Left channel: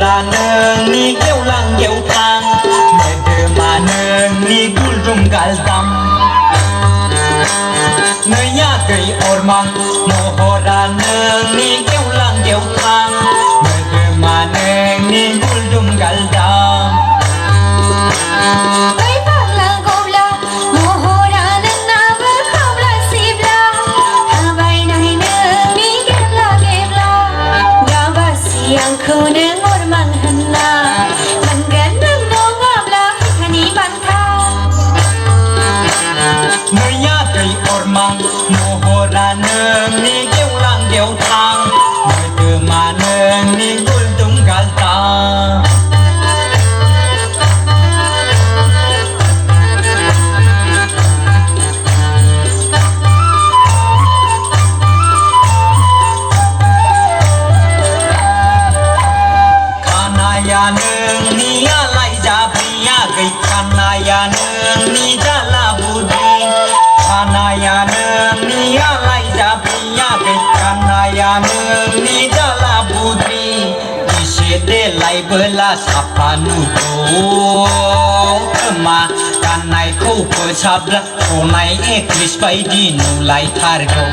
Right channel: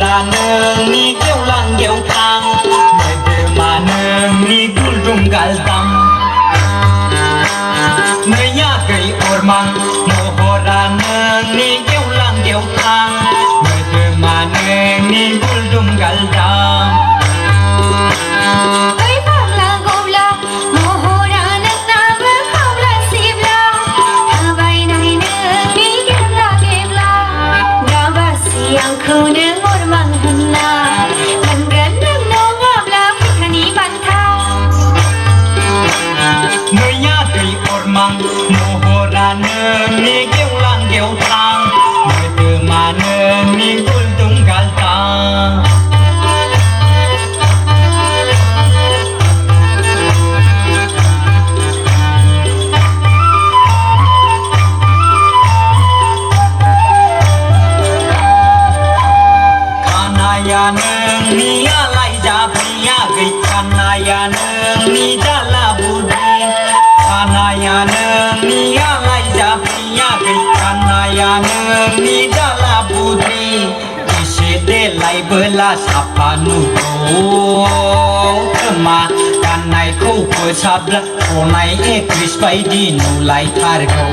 ra nương ni kêu lang kêu tang mẹ đưa mà nương ni cul rung gal tam nơi nhà cây ormang mo ra nương ni kêu lang kêu tang mẹ đưa mà nương ni cul rung gal tam yang ku dengar manghana dan gendang moga belakang bantau Naya cây ormang mohora nương ni kêu lang kêu tang nơi từ mà nương ni cul tung gal tang ya nương ni alai ja bhaiya gai kanaya nương ni jala budhi kanaya nương ni alai ja bhaiya gai kanaya nương ni jala budhi ise de lai bela sapanu to ma kanai ko ko sabla konai e kris pai di no lai thar ko